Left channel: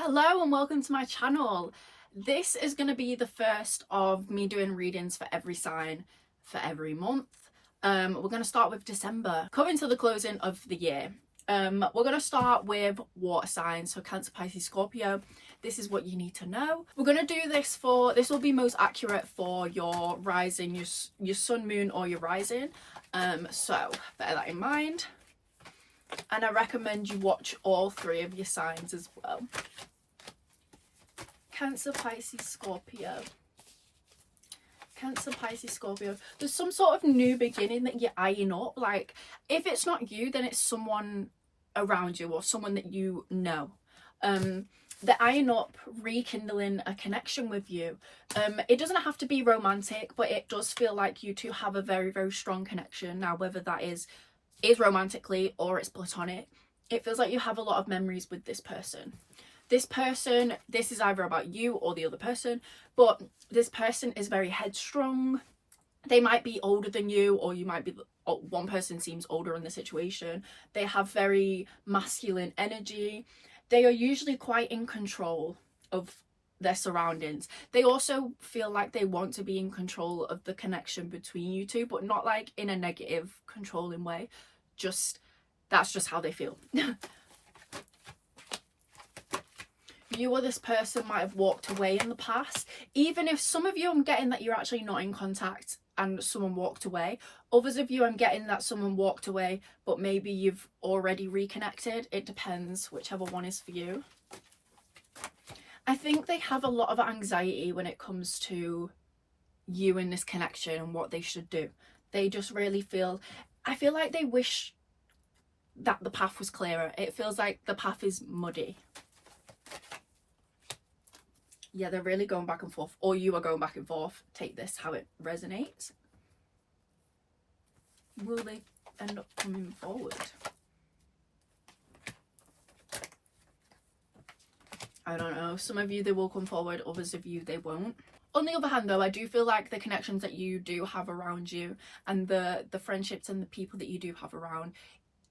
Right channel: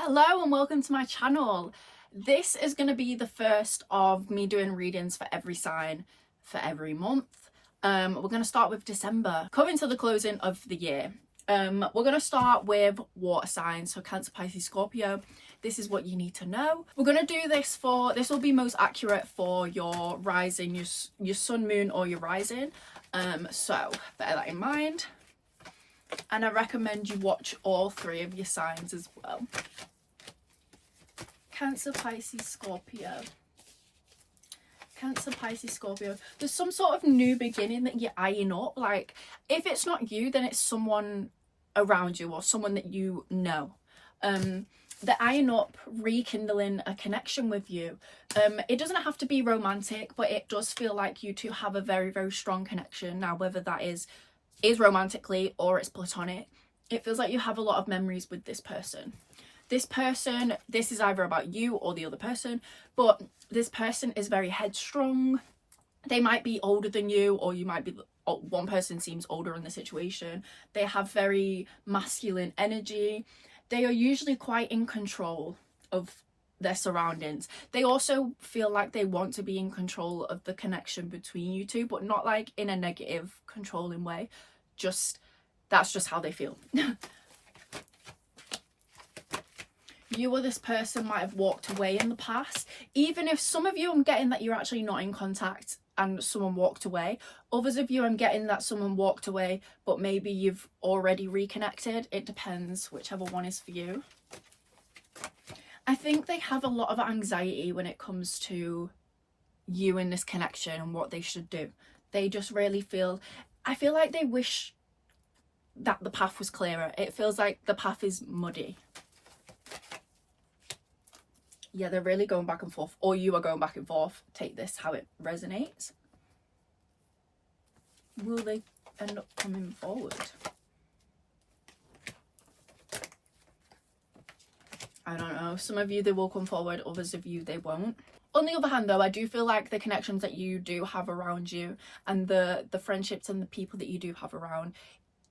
Hello and welcome to my channel. This is going to be the first of me doing readings for every sign for every month. We're going to start with December, coming to the closing of the year. We're going to start with water signs, so Cancer, Pisces, Scorpio. This is what you need to know. We're going to do this will be most accurate for your rising, your sun, moon or your rising. So bear that in mind. And I recommend you watch all three of your signs as well. Cancer, Pisces, Scorpio. Cancer, Pisces, Scorpio. There's some sort of new beginning that you're eyeing up. Like, if it's not you, then it's someone around you or someone that you know. They're eyeing up, rekindling a connection with you. It doesn't have to be romantic, but it does feel like you two have a very, very strong connection. Now, whether that is romantically or it's platonic, it feels like you have a lot of memories with this person. This is either about you or the other person, but this person is very headstrong. They might be older than you, or you might be, one person seems older in the situation. They have very masculine energy. They are usually quite in control of their surroundings. They also feel like they want to be in control of the connection between you two, but not like in a negative, controlling way. That's just how they feel. You or this person might have walked away in the past. Even if some of you, I'm getting that you're actually not in contact and someone walked away. Others of you, I'm getting that someone walked away, but maybe you've already reconnected. It depends, whichever one is for you. I think they have a lot of anxiety when it comes to you and this connection and what they should do. They just really I feel like they wish that the path was clearer. It feels like the path is muddy. Yeah, they're really going back and forth, or you are going back and forth. Take this how it resonates. Will they end up coming forward? I don't know. Some of you, they will come forward. Others of you, they won't. On the other hand, though, I do feel like the connections that you do have around you and the friendships and the people that you do have around,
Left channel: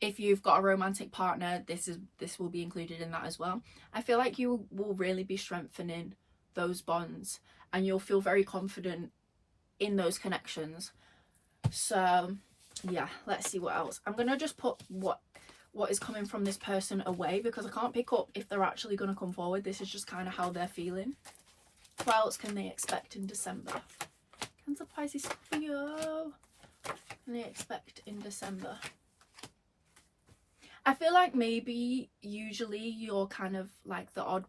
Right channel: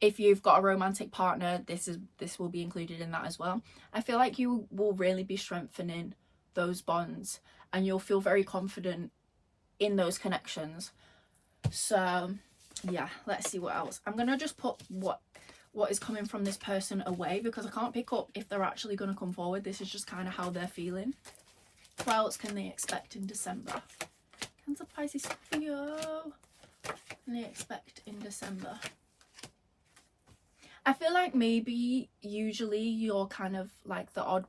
if you've got a romantic partner, this will be included in that as well. I feel like you will really be strengthening those bonds and you'll feel very confident in those connections. So yeah, let's see what else. I'm gonna just put what is coming from this person away, because I can't pick up if they're actually going to come forward. This is just kind of how they're feeling. What else can they expect in December? Cancer, Pisces, Scorpio. What can they expect in December? I feel like maybe usually you're kind of like the odd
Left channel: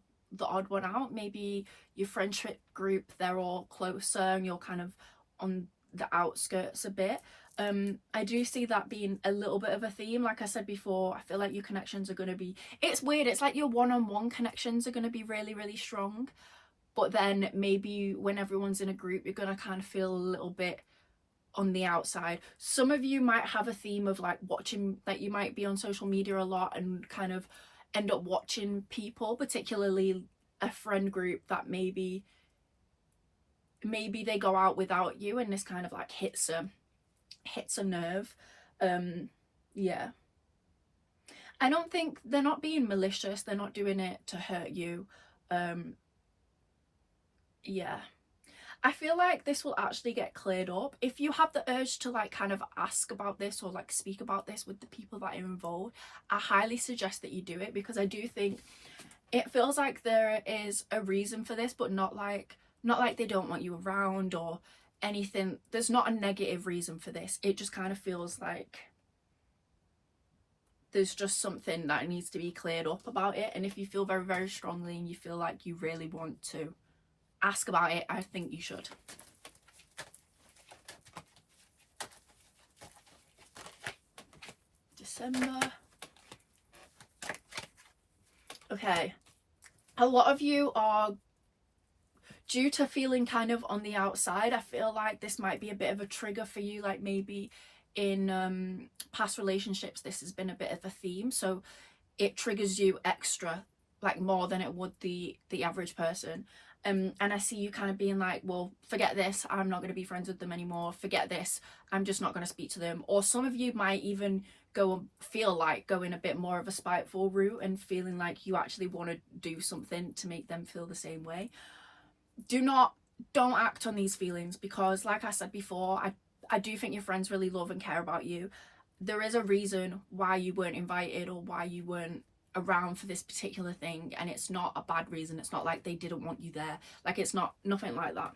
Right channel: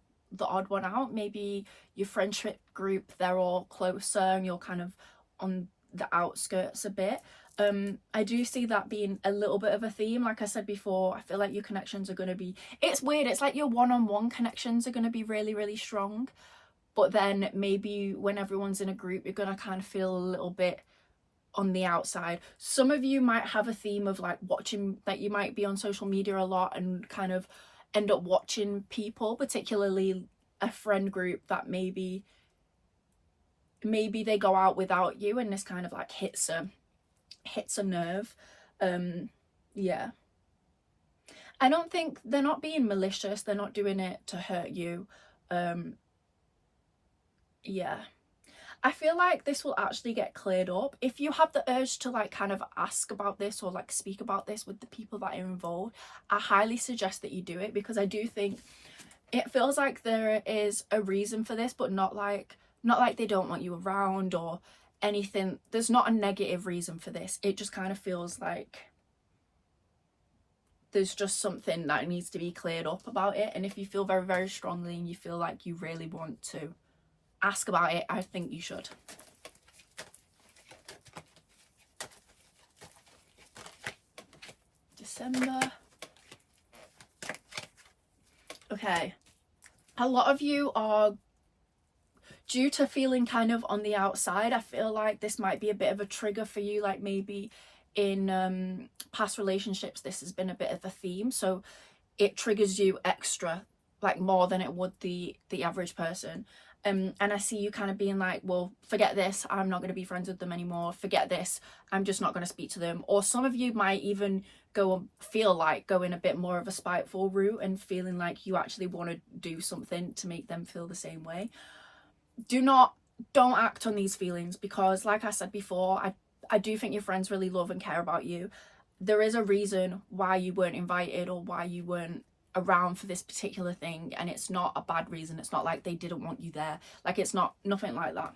one out. Maybe your friendship group, they're all closer and you're kind of on the outskirts a bit. I do see that being a little bit of a theme. Like I said before, I feel like your connections are going to be, it's weird, it's like your one-on-one connections are going to be really, really strong, but then maybe when everyone's in a group, you're going to kind of feel a little bit on the outside. Some of you might have a theme of like watching, that you might be on social media a lot and kind of end up watching people, particularly a friend group that maybe they go out without you, and this kind of like hits a nerve. Yeah, I don't think they're not being malicious, they're not doing it to hurt you. Yeah, I feel like this will actually get cleared up. If you have the urge to like kind of ask about this or like speak about this with the people that are involved, I highly suggest that you do it, because I do think it feels like there is a reason for this, but not like they don't want you around or anything. There's not a negative reason for this. It just kind of feels like there's just something that needs to be cleared up about it. And if you feel very, very strongly and you feel like you really want to ask about it, I think you should. December. Okay, a lot of you are, due to feeling kind of on the outside, I feel like this might be a bit of a trigger for you. Like maybe in past relationships this has been a bit of a theme, so it triggers you extra, like more than it would the average person. And I see you kind of being like, well, forget this, I'm not going to be friends with them anymore, forget this, I'm just not going to speak to them. Or some of you might even feel like going a bit more of a spiteful route and feeling like you actually want to do something to make them feel the same way. Don't act on these feelings, because like I said before, I do think your friends really love and care about you. There is a reason why you weren't invited or why you weren't around for this particular thing, and it's not a bad reason. It's not like they didn't want you there. Like, it's nothing like that.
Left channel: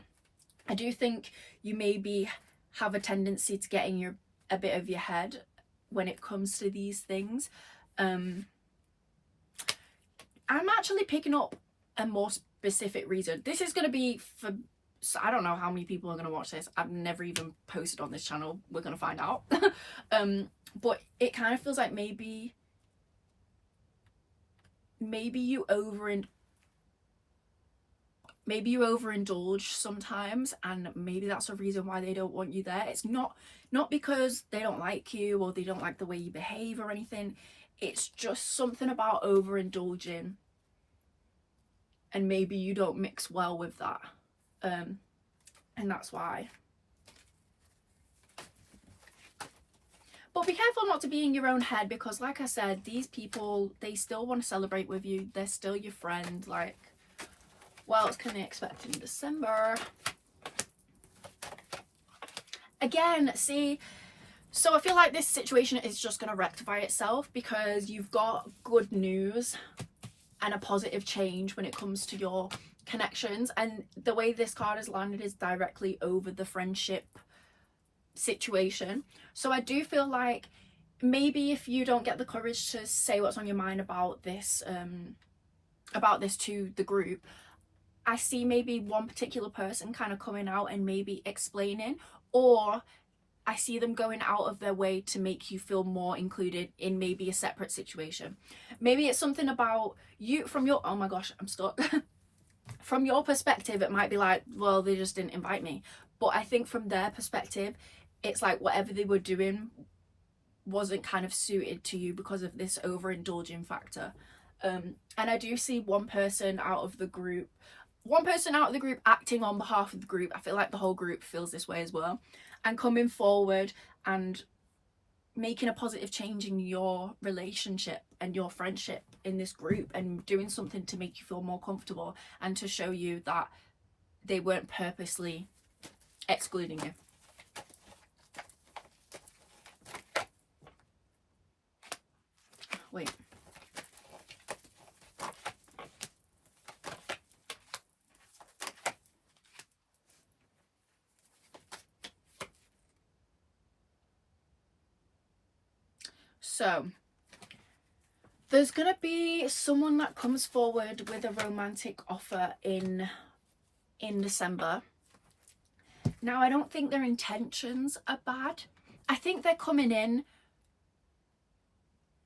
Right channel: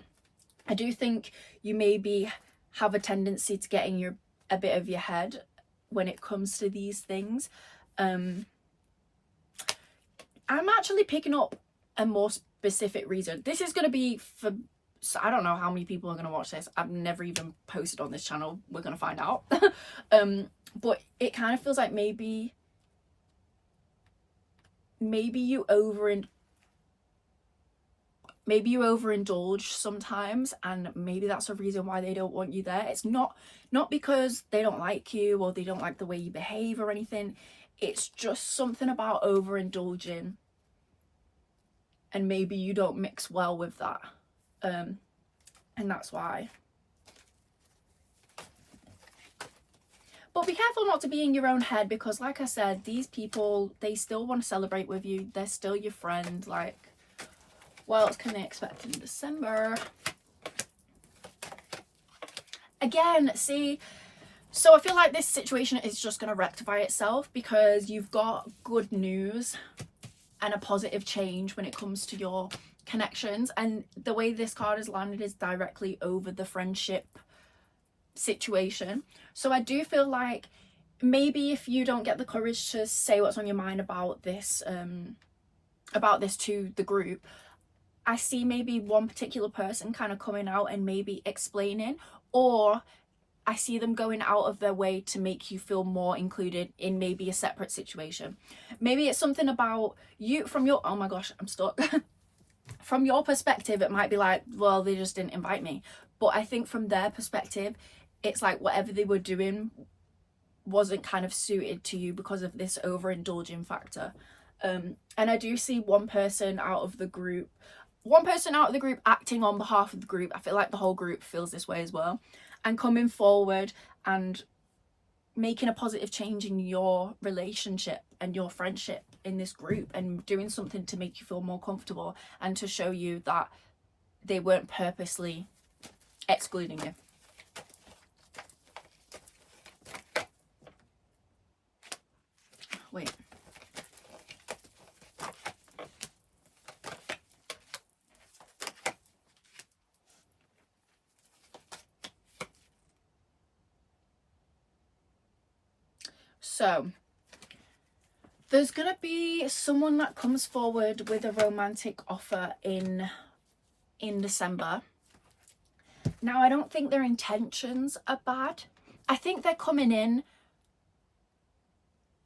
I do think you maybe have a tendency to get in a bit of your head when it comes to these things. I'm actually picking up a more specific reason. This is going to be for, so I don't know how many people are going to watch this. I've never even posted on this channel. We're going to find out. But it kind of feels like maybe you overindulge sometimes, and maybe that's a reason why they don't want you there. It's not because they don't like you or they don't like the way you behave or anything. It's just something about overindulging, and maybe you don't mix well with that, and that's why. But be careful not to be in your own head, because like I said, these people, they still want to celebrate with you. They're still your friend. Like, what else can they expect in December? Again, see, so I feel like this situation is just going to rectify itself, because you've got good news and a positive change when it comes to your connections. And the way this card has landed is directly over the friendship situation. So I do feel like maybe if you don't get the courage to say what's on your mind about this to the group, I see maybe one particular person kind of coming out and maybe explaining, or I see them going out of their way to make you feel more included in maybe a separate situation. Maybe it's something about you from your, oh my gosh, I'm stuck. From your perspective, it might be like, well, they just didn't invite me. But I think from their perspective, it's like whatever they were doing wasn't kind of suited to you because of this overindulging factor. And I do see one person out of the group acting on behalf of the group. I feel like the whole group feels this way as well, and coming forward and making a positive change in your relationship and your friendship in this group, and doing something to make you feel more comfortable and to show you that they weren't purposely excluding you. Wait. So there's gonna be someone that comes forward with a romantic offer in December. Now, I don't think their intentions are bad. I think they're coming in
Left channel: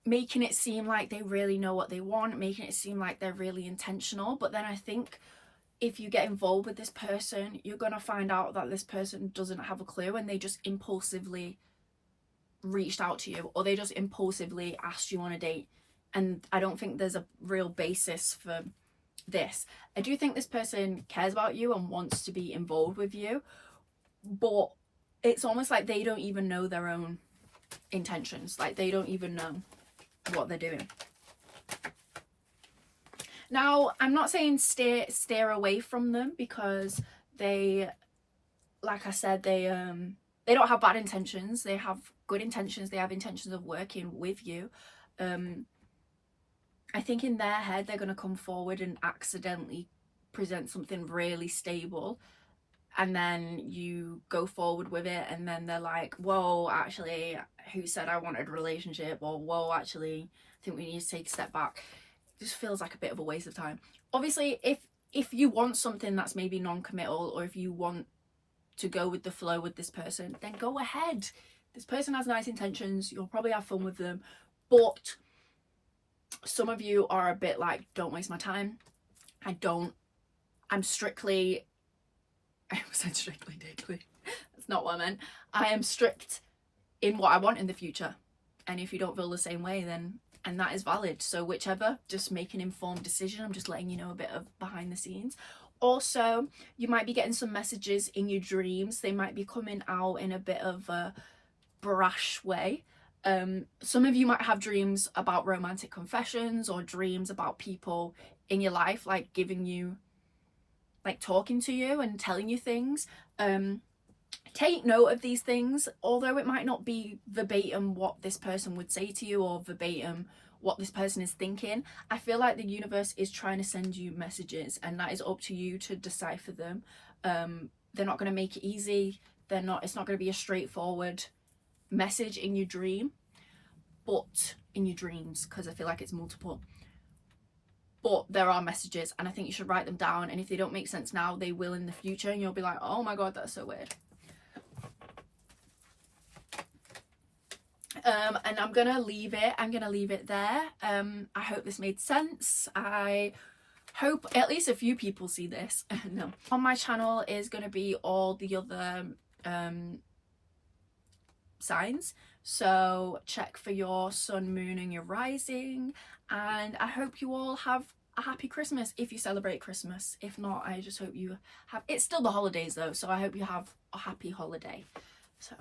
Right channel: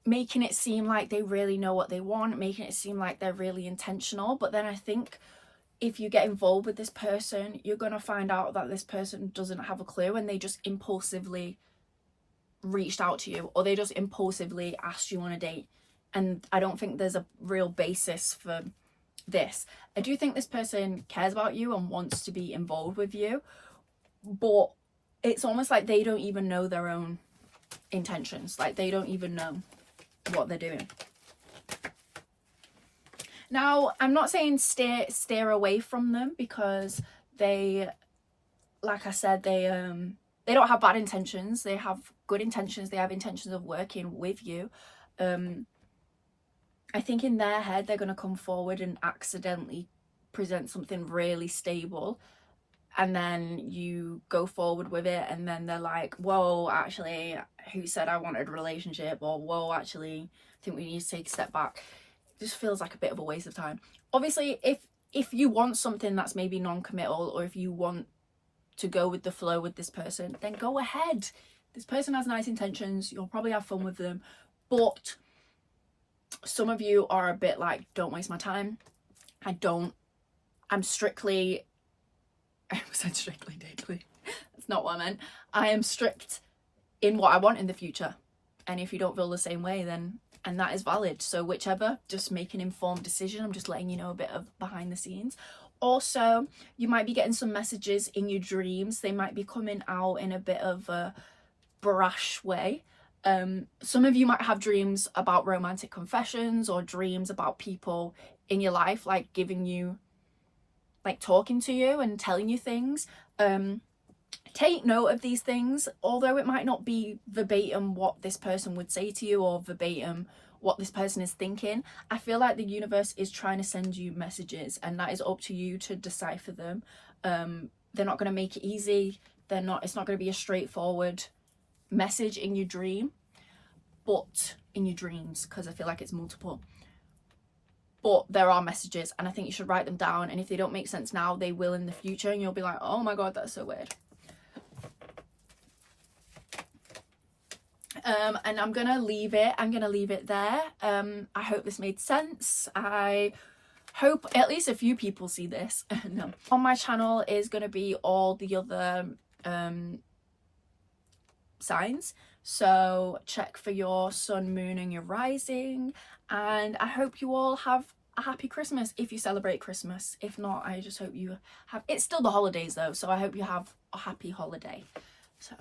making it seem like they really know what they want, making it seem like they're really intentional. But then I think if you get involved with this person, you're gonna find out that this person doesn't have a clue, and they just impulsively reached out to you, or they just impulsively asked you on a date. And I don't think there's a real basis for this. I do think this person cares about you and wants to be involved with you, but it's almost like they don't even know their own intentions. Like, they don't even know what they're doing. Now, I'm not saying steer away from them, because they, like I said, they don't have bad intentions. They have good intentions. They have intentions of working with you. I think in their head, they're going to come forward and accidentally present something really stable, and then you go forward with it, and then they're like, whoa, actually, who said I wanted a relationship? Or, whoa, actually, I think we need to take a step back. It just feels like a bit of a waste of time. Obviously, if you want something that's maybe non-committal, or if you want to go with the flow with this person, then go ahead. This person has nice intentions. You'll probably have fun with them. But some of you are a bit like, don't waste my time. I'm strictly, I said strictly daily. That's not what I meant. I am strict in what I want in the future. And if you don't feel the same way, then, and that is valid. So whichever, just make an informed decision. I'm just letting you know a bit of behind the scenes. Also, you might be getting some messages in your dreams. They might be coming out in a bit of a brash way. Some of you might have dreams about romantic confessions, or dreams about people in your life, like giving you, like talking to you and telling you things. Take note of these things, although it might not be verbatim what this person would say to you, or verbatim what this person is thinking. I feel like the universe is trying to send you messages, and that is up to you to decipher them. They're not going to make it easy. It's not going to be a straightforward message in your dream, but in your dreams, because I feel like it's multiple. But there are messages, and I think you should write them down, and if they don't make sense now, they will in the future, and you'll be like, oh my god, that's so weird. And I'm gonna leave it there. I hope this made sense. I hope at least a few people see this. No, on my channel is gonna be all the other signs, so check for your sun, moon and your rising. And I hope you all have a happy Christmas if you celebrate Christmas. If not, I just hope you have, it's still the holidays though, so I hope you have a happy holiday. So